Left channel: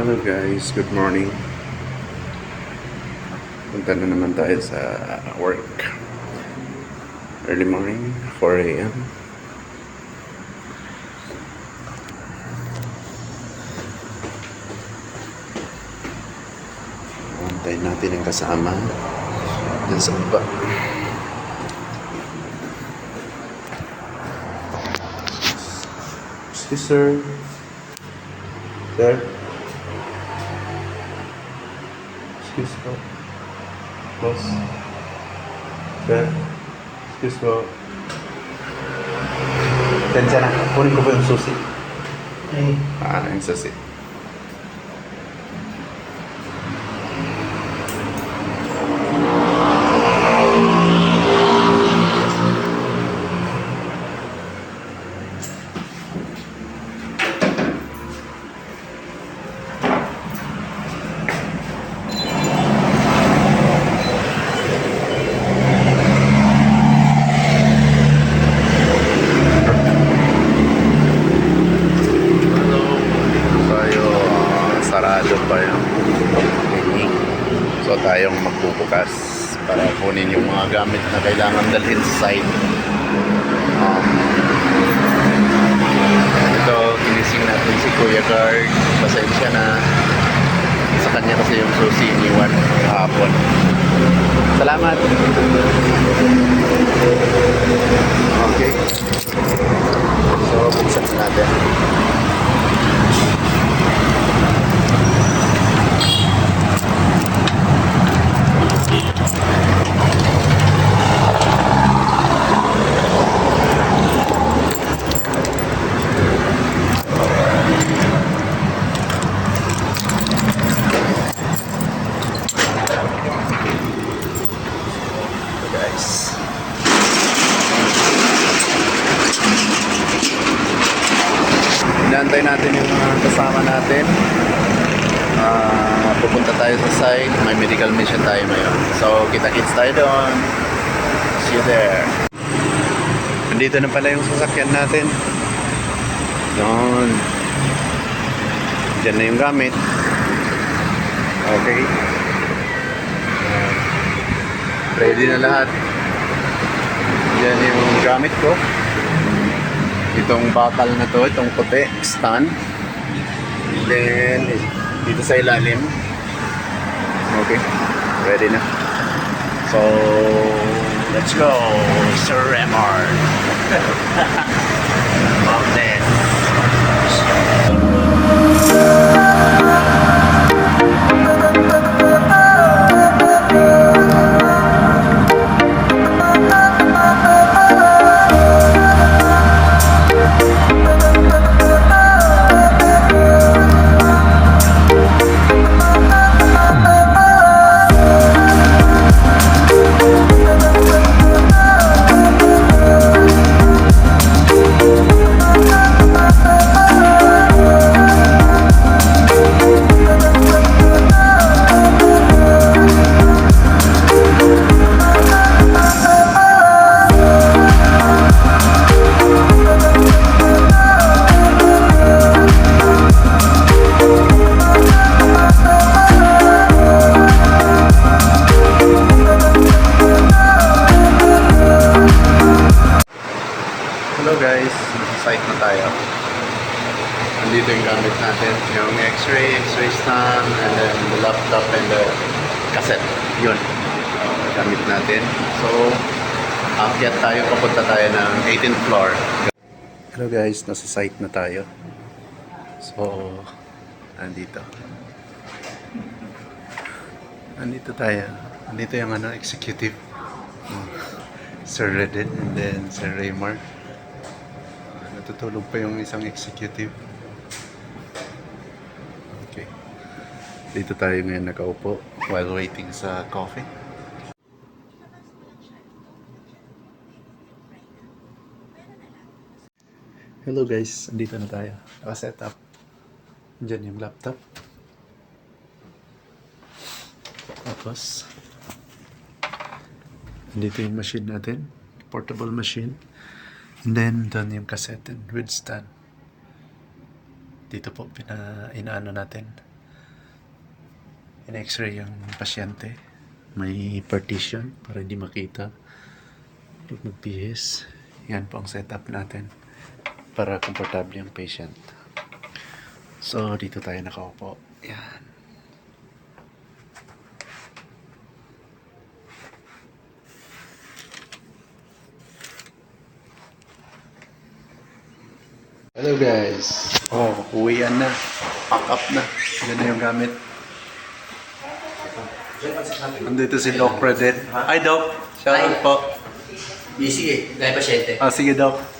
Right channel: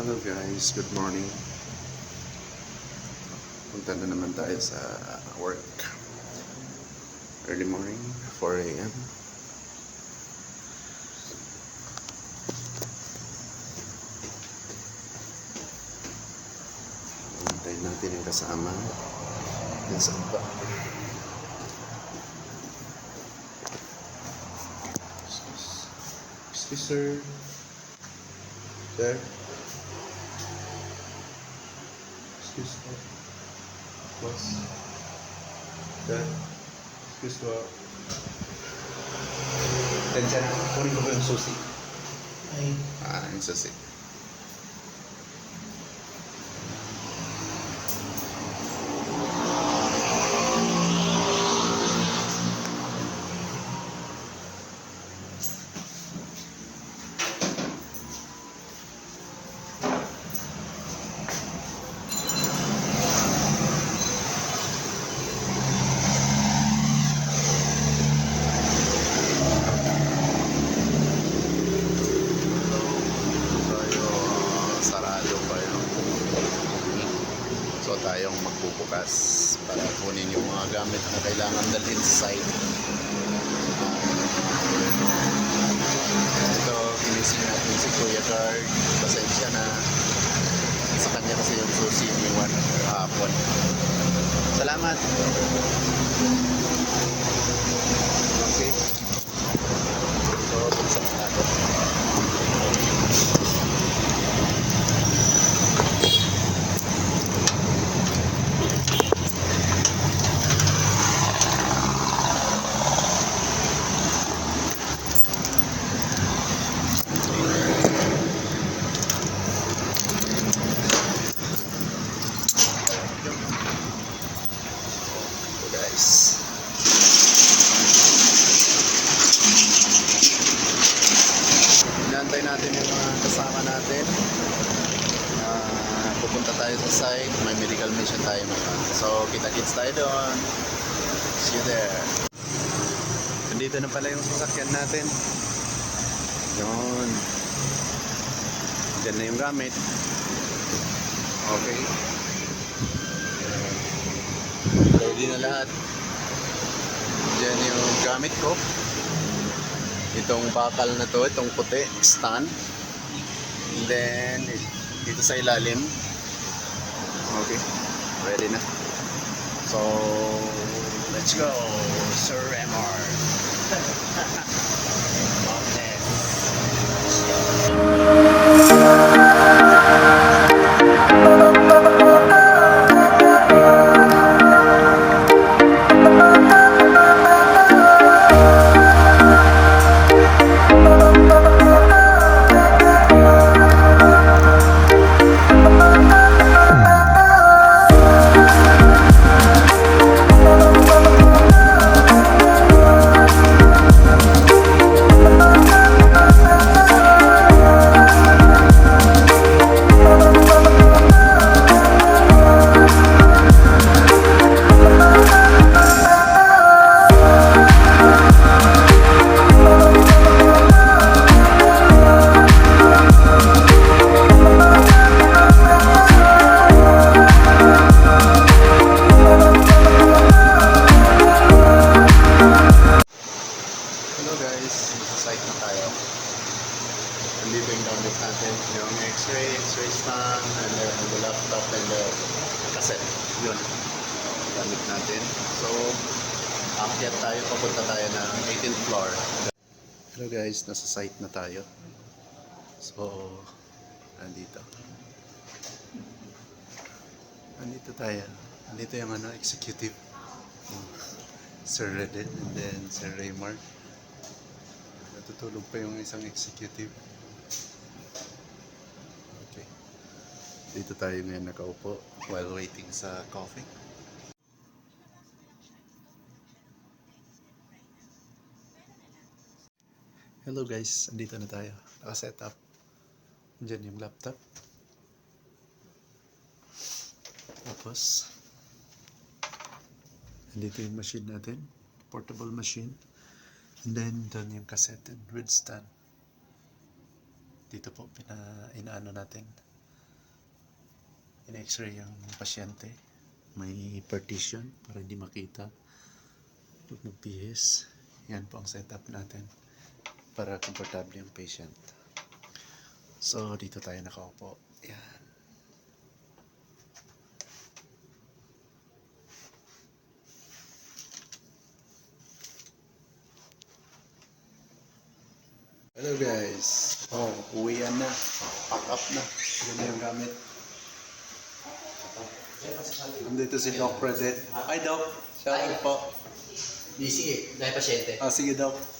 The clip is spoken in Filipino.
Hello guys, good morning. Punta na naman tayo sa work. Early morning, 4 a.m. Antayin natin yung kasama dun sa baba. Excuse sir. Sir. Excuse po. Boss. Sir. Excuse po. Tensya na. Kunin ko po yung susi. Ay. Yung susi. Sarado pa yung clinic. So tayong magbubukas para kunin yung mga gamit na kailangan dalhin sa site. Ito, ginising natin si Kuya Guard. Pasensya na. Sa kanya kasi yung susi iniwan kahapon. Salamat! Okay. So, buksan natin. Inaantay natin yung mga kasama natin. Pupunta tayo sa site. May medical mission tayo ngayon. So, kita-kits tayo doon. See you there. Nandito na pala yung sasakyan natin. Doon. Diyan na yung gamit. Okay. Ready na lahat. Diyan yung gamit ko. Itong bakal na to, itong puti, stand. Then, dito sa ilalim. Okay, ready na. So, let's go, Sir Remar. Love this. Hello guys, nasa site na tayo. Nandito yung gamit natin, yung x-ray stand, and then the laptop and the cassette. Yun, gamit natin. So, aakyat tayo, papunta tayo ng 18th floor. Hello guys, nasa site na tayo. So, nandito. Nandito tayo. Nandito yung executive. Sir Redden and then Sir Raymar. Natutulog pa yung isang executive. Okay. Dito tayo ngayon nakaupo while waiting sa coffee. Hello guys, andito na tayo. Naka-set up. Diyan yung laptop. Tapos, andito yung machine natin. Portable machine. And then, doon yung cassette with stand. Dito po, inaano natin. in-x-ray yung pasyente. May partition para hindi makita pag mag-PS. Yan po ang setup natin para komportable yung patient. So, dito tayo nakaupo. Yan. Hello guys. Oh, uwian na. Pack up na. Yan na yung gamit. Nandito si Doc Redet. Hi Doc. Shout out po. Busy eh, dahil pasyente. Ah, sige Doc.